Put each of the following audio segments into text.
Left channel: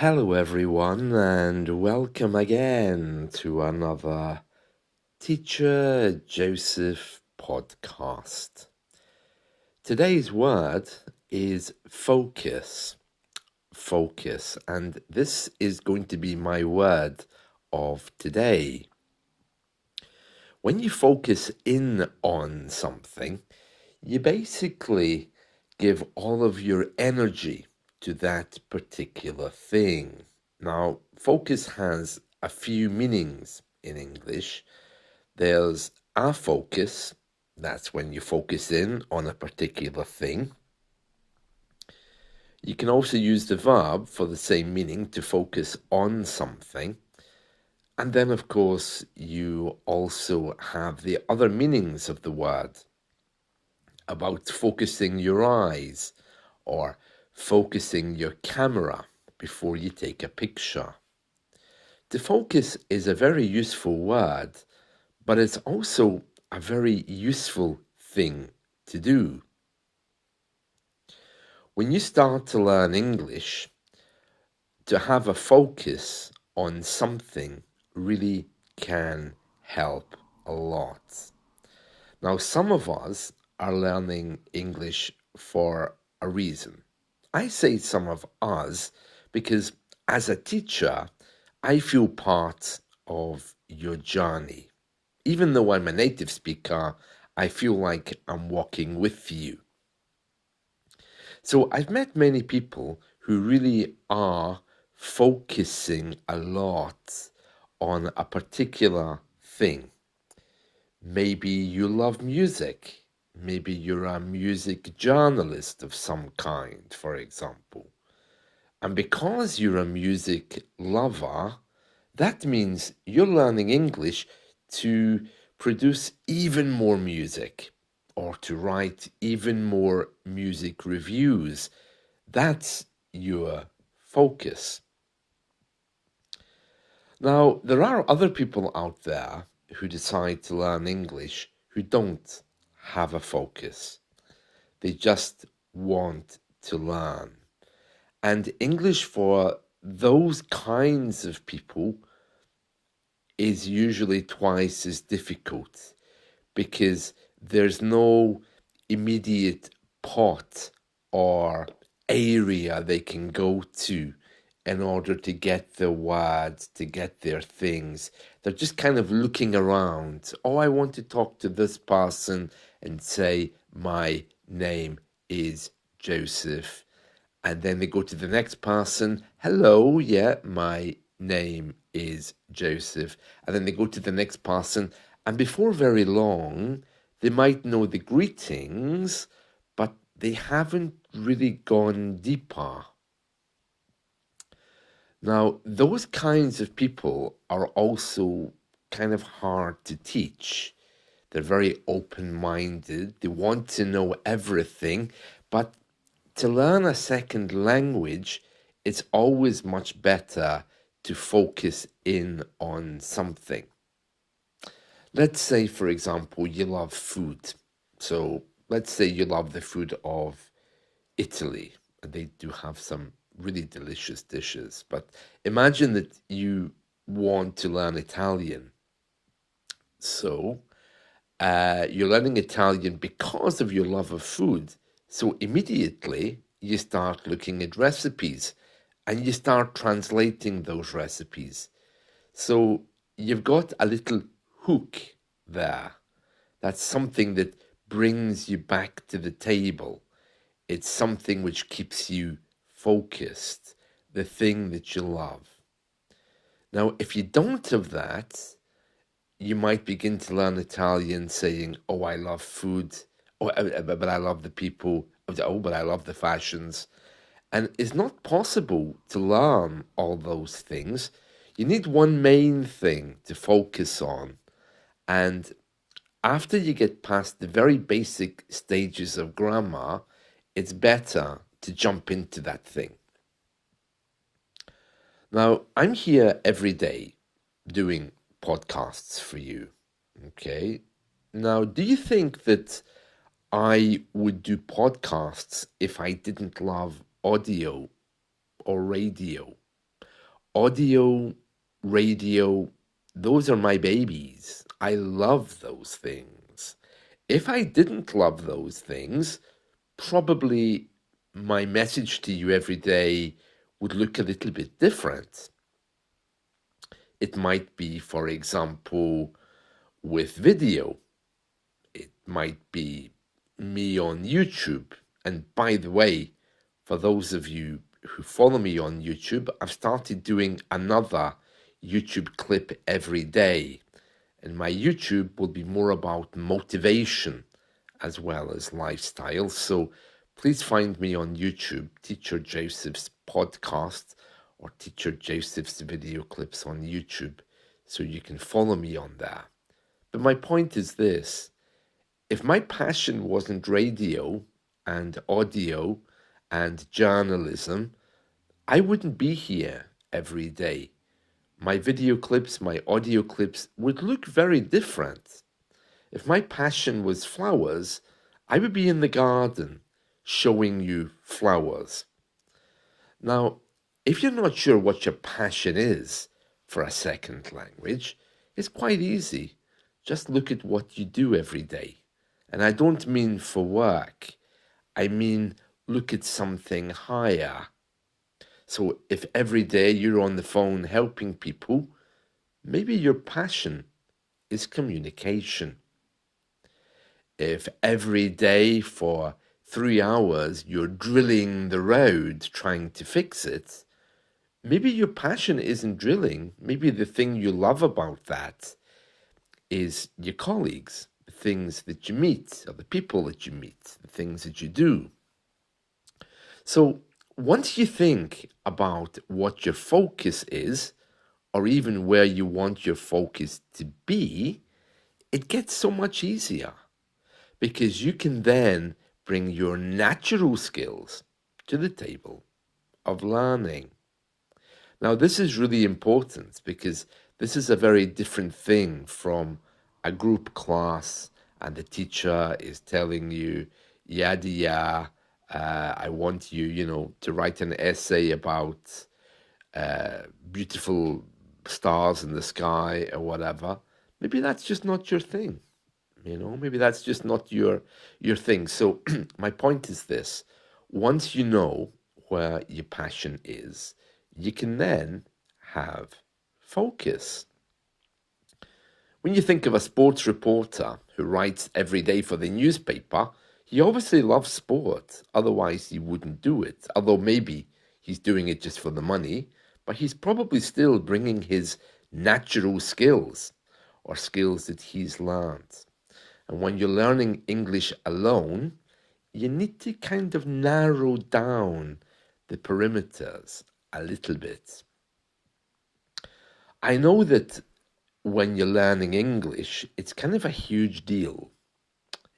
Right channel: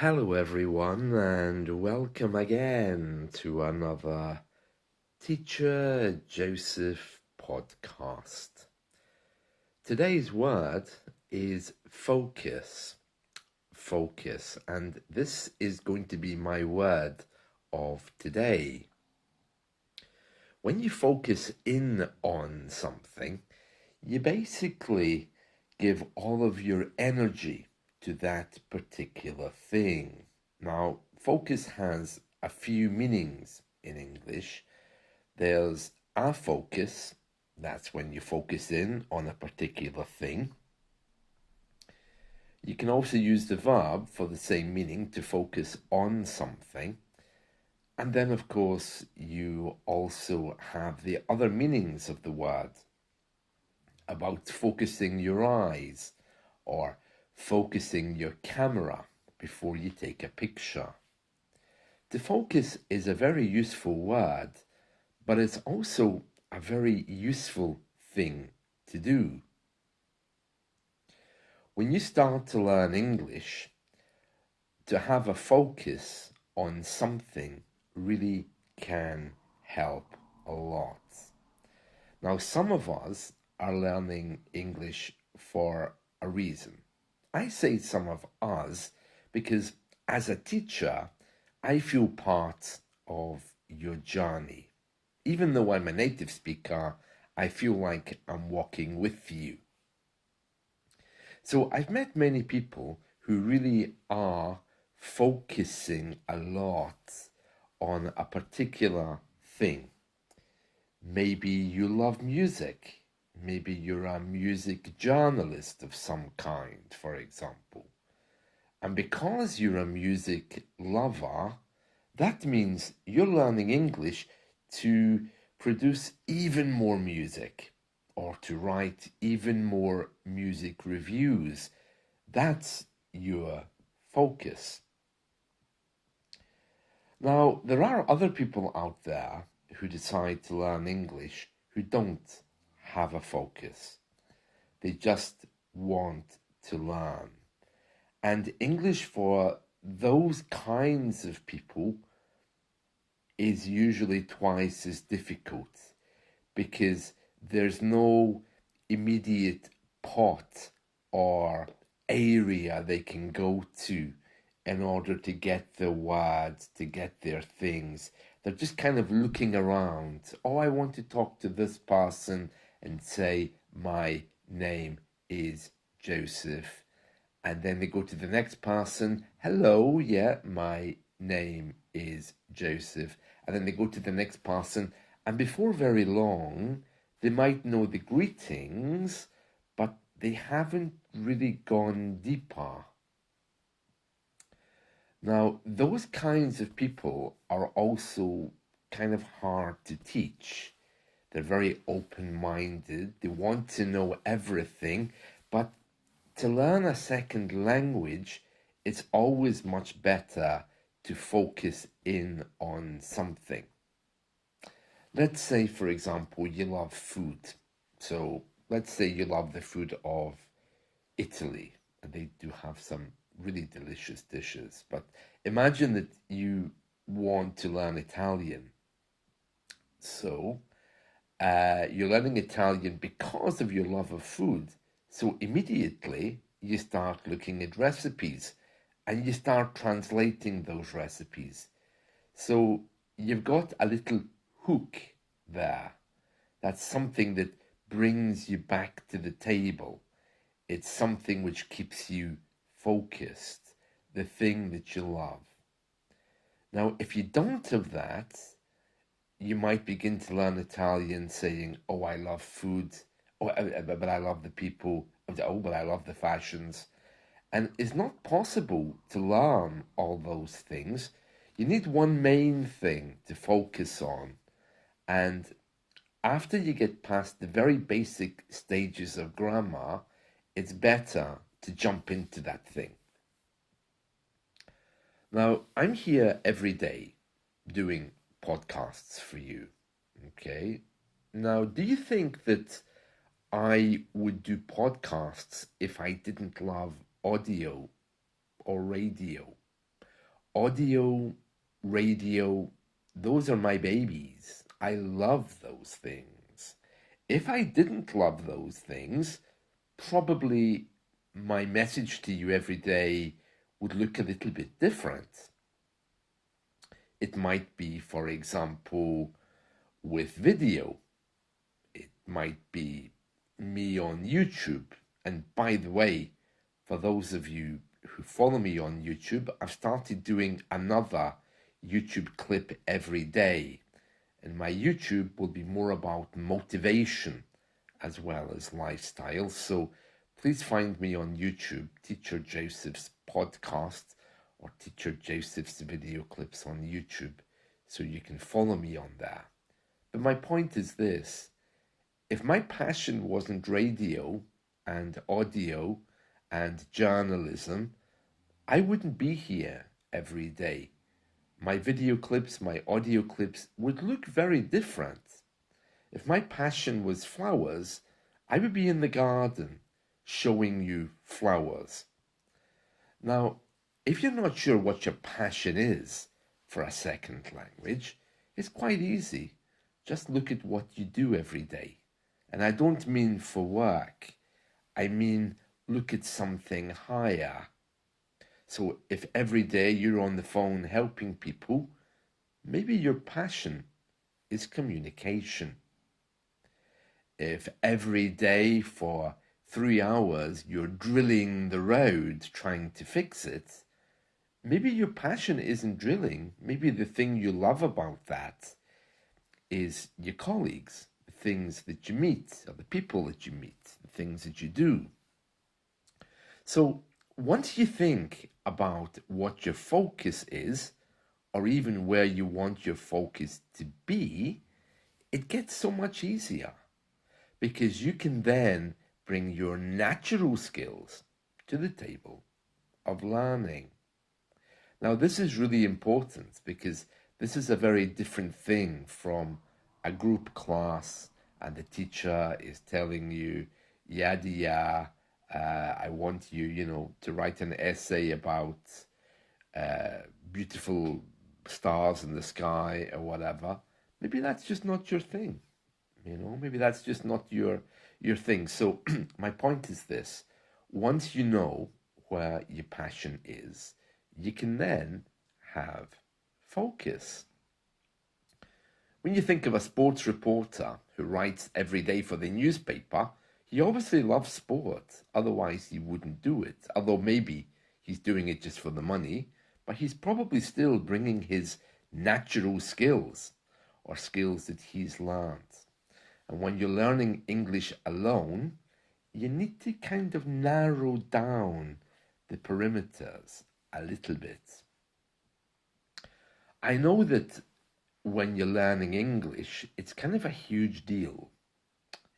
Hello, everyone, and welcome again to another Teacher Joseph podcast. Today's word is focus. Focus, and this is going to be my word of today. When you focus in on something, you basically give all of your energy to that particular thing. Now, focus has a few meanings in English. There's a focus, that's when you focus in on a particular thing. You can also use the verb for the same meaning, to focus on something. And then, of course, you also have the other meanings of the word about focusing your eyes or focusing your camera before you take a picture. To focus is a very useful word, but it's also a very useful thing to do. When you start to learn English, to have a focus on something really can help a lot. Now, some of us are learning English for a reason. I say some of us because as a teacher, I feel part of your journey. Even though I'm a native speaker, I feel like I'm walking with you. So I've met many people who really are focusing a lot on a particular thing. Maybe you love music. Maybe you're a music journalist of some kind, for example. And because you're a music lover, that means you're learning English to produce even more music or to write even more music reviews. That's your focus. Now, there are other people out there who decide to learn English who don't have a focus. They just want to learn. And English for those kinds of people is usually twice as difficult because there's no immediate pot or area they can go to in order to get their words, to get their things. They're just kind of looking around. Oh, I want to talk to this person and say, my name is Joseph. And then they go to the next person. Hello, yeah, my name is Joseph. And then they go to the next person. And before very long, they might know the greetings, but they haven't really gone deeper. Now, those kinds of people are also kind of hard to teach. They're very open-minded. They want to know everything, but to learn a second language, it's always much better to focus in on something. Let's say, for example, you love food. So let's say you love the food of Italy, and they do have some really delicious dishes. But imagine that you want to learn Italian. So you're learning Italian because of your love of food. So immediately you start looking at recipes and you start translating those recipes. So you've got a little hook there. That's something that brings you back to the table. It's something which keeps you focused, the thing that you love. Now, if you don't have that, you might begin to learn Italian saying, oh, I love food, oh, but I love the people, oh, but I love the fashions. And it's not possible to learn all those things. You need one main thing to focus on. And after you get past the very basic stages of grammar, it's better to jump into that thing. Now, I'm here every day doing podcasts for you. Okay. Now, do you think that I would do podcasts if I didn't love audio or radio? Audio, radio, those are my babies. I love those things. If I didn't love those things, probably my message to you every day would look a little bit different. It might be, for example, with video. It might be me on YouTube. And by the way, for those of you who follow me on YouTube, I've started doing another YouTube clip every day. And my YouTube will be more about motivation as well as lifestyle. So please find me on YouTube, Teacher Joseph's podcast or Teacher Joseph's video clips on YouTube, so you can follow me on there. But my point is this: if my passion wasn't radio and audio and journalism, I wouldn't be here every day. My video clips, my audio clips would look very different. If my passion was flowers, I would be in the garden showing you flowers. Now, if you're not sure what your passion is for a second language, it's quite easy. Just look at what you do every day. And I don't mean for work, I mean look at something higher. So if every day you're on the phone helping people, maybe your passion is communication. If every day for 3 hours you're drilling the road trying to fix it, maybe your passion isn't drilling. Maybe the thing you love about that is your colleagues, the things that you meet, or the people that you meet, the things that you do. So once you think about what your focus is, or even where you want your focus to be, it gets so much easier, because you can then bring your natural skills to the table of learning. Now, this is really important, because this is a very different thing from a group class and the teacher is telling you, yada yada, I want you, to write an essay about beautiful stars in the sky or whatever. Maybe that's just not your thing. Maybe that's just not your thing. So my point is this: once you know where your passion is, you can then have focus. When you think of a sports reporter who writes every day for the newspaper, he obviously loves sport, otherwise he wouldn't do it. Although maybe he's doing it just for the money, but he's probably still bringing his natural skills, or skills that he's learned. And when you're learning English alone, you need to kind of narrow down the perimeters a little bit. I know that when you're learning English, it's kind of a huge deal.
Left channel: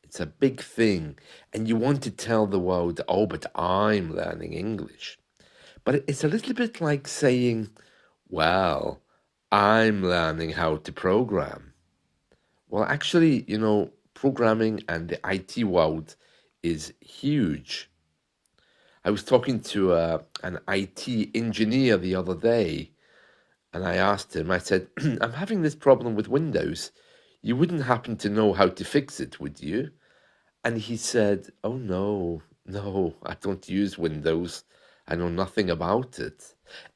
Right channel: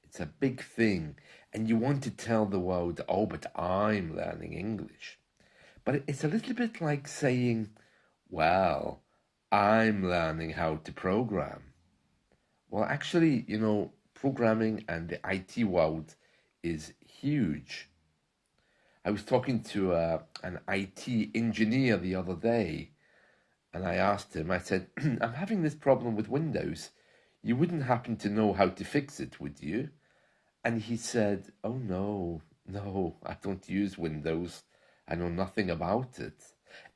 It's a big thing, and you want to tell the world, oh, but I'm learning English. But it's a little bit like saying, well, I'm learning how to program. Well, actually, programming and the IT world is huge. I was talking to an IT engineer the other day, and I asked him, I said, I'm having this problem with Windows. You wouldn't happen to know how to fix it, would you? And he said, oh, no, I don't use Windows. I know nothing about it.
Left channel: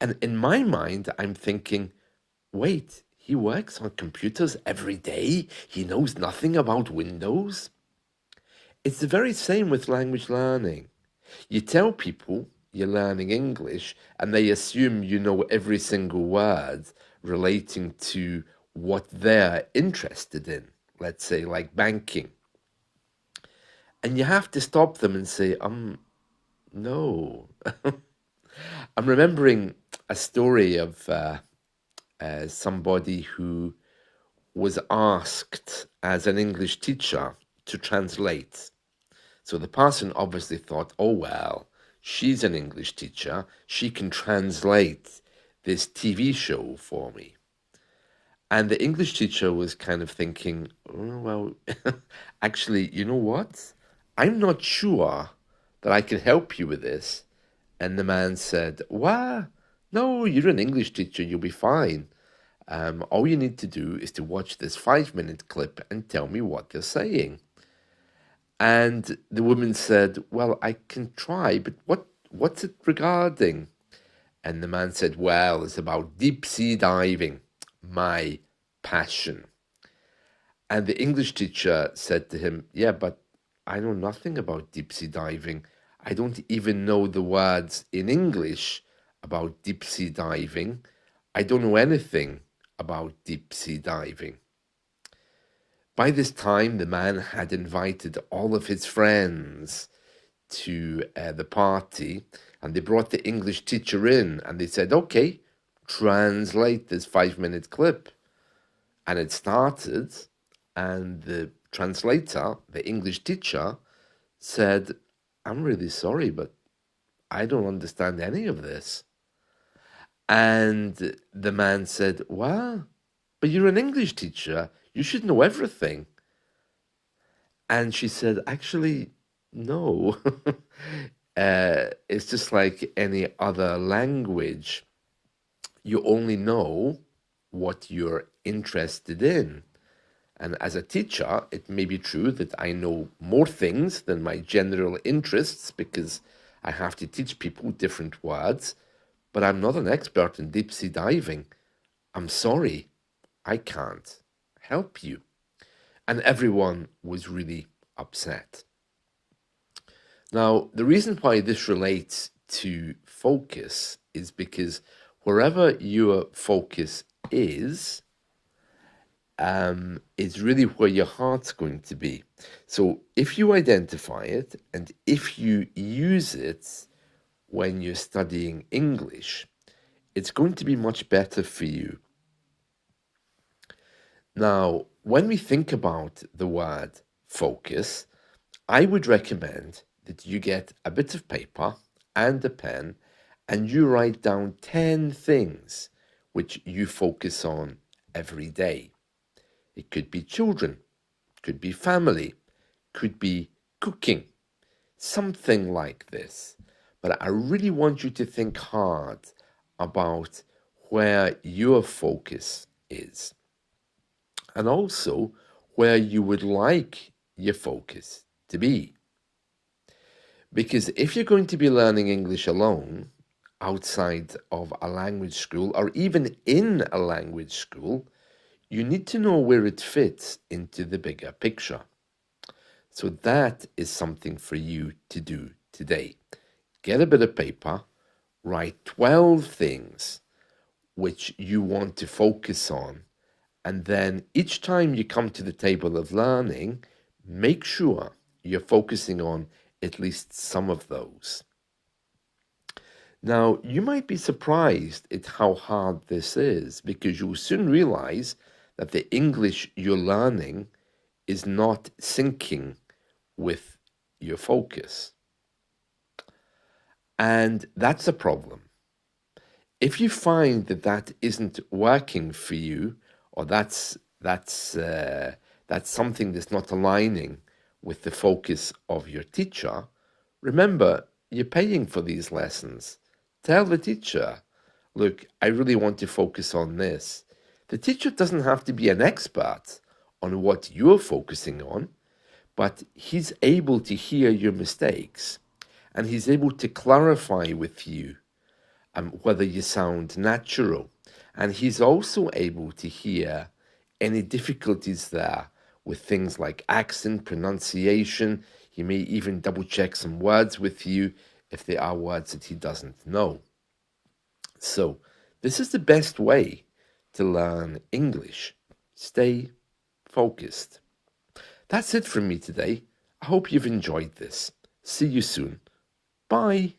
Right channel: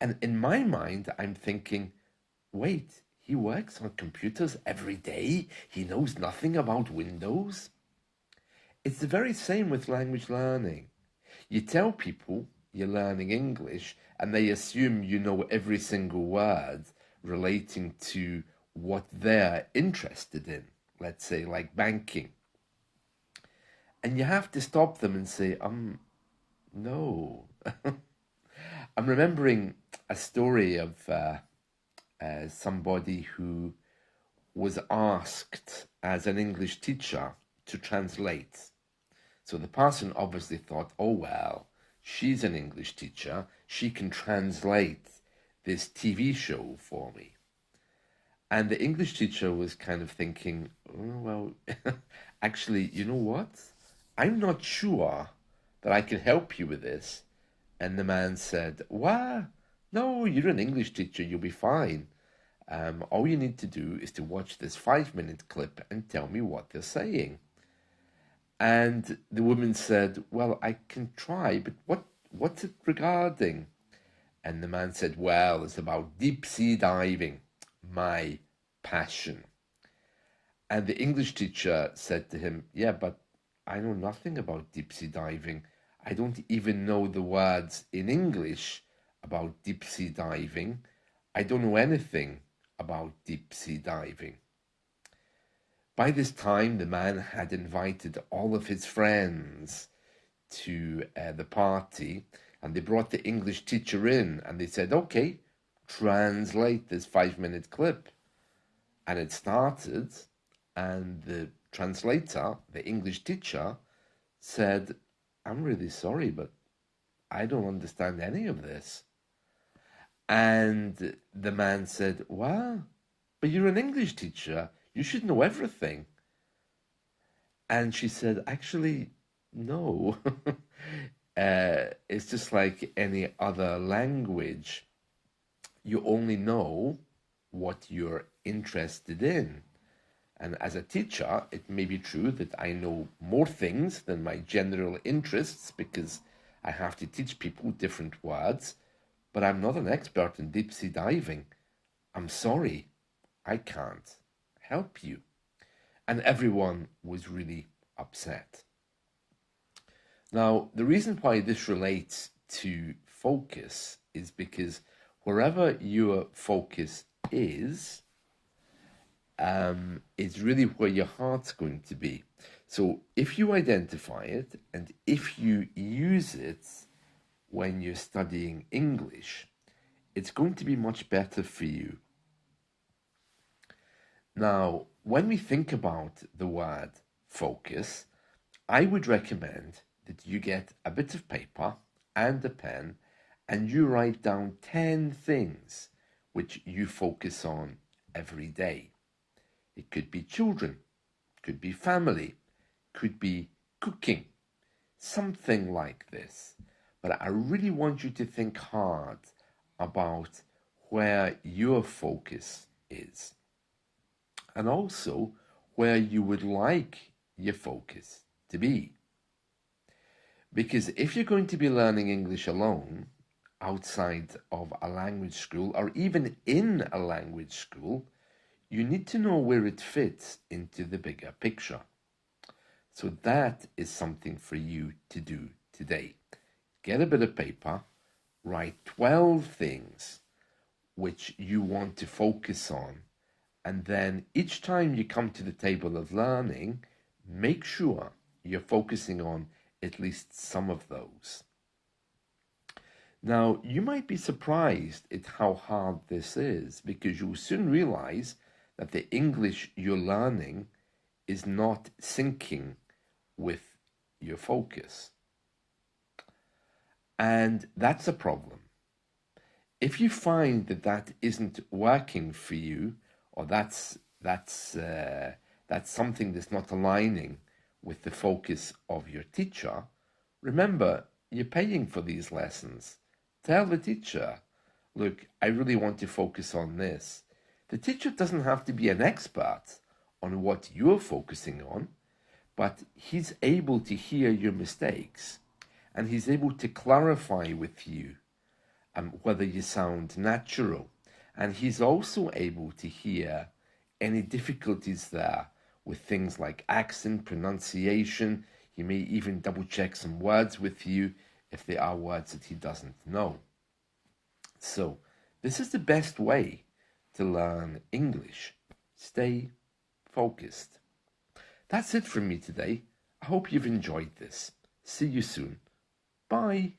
And in my mind, I'm thinking, wait, he works on computers every day? He knows nothing about Windows? It's the very same with language learning. You tell people you're learning English and they assume you know every single word relating to what they're interested in, let's say like banking. And you have to stop them and say, no. I'm remembering a story of somebody who was asked as an English teacher to translate. So the person obviously thought, oh, well, she's an English teacher. She can translate this TV show for me. And the English teacher was kind of thinking, oh, well, actually, you know what? I'm not sure that I can help you with this. And the man said, what? No, you're an English teacher, you'll be fine. All you need to do is to watch this 5-minute clip and tell me what they're saying. And the woman said, well, I can try, but what's it regarding? And the man said, well, it's about deep sea diving, my passion. And the English teacher said to him, yeah, but I know nothing about deep sea diving. I don't even know the words in English about deep sea diving. I don't know anything about deep sea diving. By this time, the man had invited all of his friends to the party, and they brought the English teacher in, and they said, okay, translate this 5-minute clip. And it started, and the translator, the English teacher, said, I'm really sorry, but I don't understand any of this. And the man said, well, but you're an English teacher. You should know everything. And she said, actually, no. It's just like any other language. You only know what you're interested in. And as a teacher, it may be true that I know more things than my general interests because I have to teach people different words, but I'm not an expert in deep sea diving. I'm sorry, I can't help you. And everyone was really upset. Now, the reason why this relates to focus is because wherever your focus is really where your heart's going to be. So if you identify it and if you use it when you're studying English, it's going to be much better for you. Now, when we think about the word focus, I would recommend that you get a bit of paper and a pen and you write down 10 things which you focus on every day. It could be children, could be family, could be cooking, something like this. But I really want you to think hard about where your focus is and also where you would like your focus to be. Because if you're going to be learning English alone, outside of a language school or even in a language school, you need to know where it fits into the bigger picture. So that is something for you to do today. Get a bit of paper, write 12 things which you want to focus on, and then each time you come to the table of learning, make sure you're focusing on at least some of those. Now, you might be surprised at how hard this is because you'll soon realize that the English you're learning is not syncing with your focus. And that's a problem. If you find that that isn't working for you, or that's something that's not aligning with the focus of your teacher, remember, you're paying for these lessons. Tell the teacher, look, I really want to focus on this. The teacher doesn't have to be an expert on what you're focusing on, but he's able to hear your mistakes and he's able to clarify with you whether you sound natural. And he's also able to hear any difficulties there with things like accent, pronunciation. He may even double check some words with you if there are words that he doesn't know. So this is the best way to learn English. Stay focused. That's it from me today. I hope you've enjoyed this. See you soon. Bye.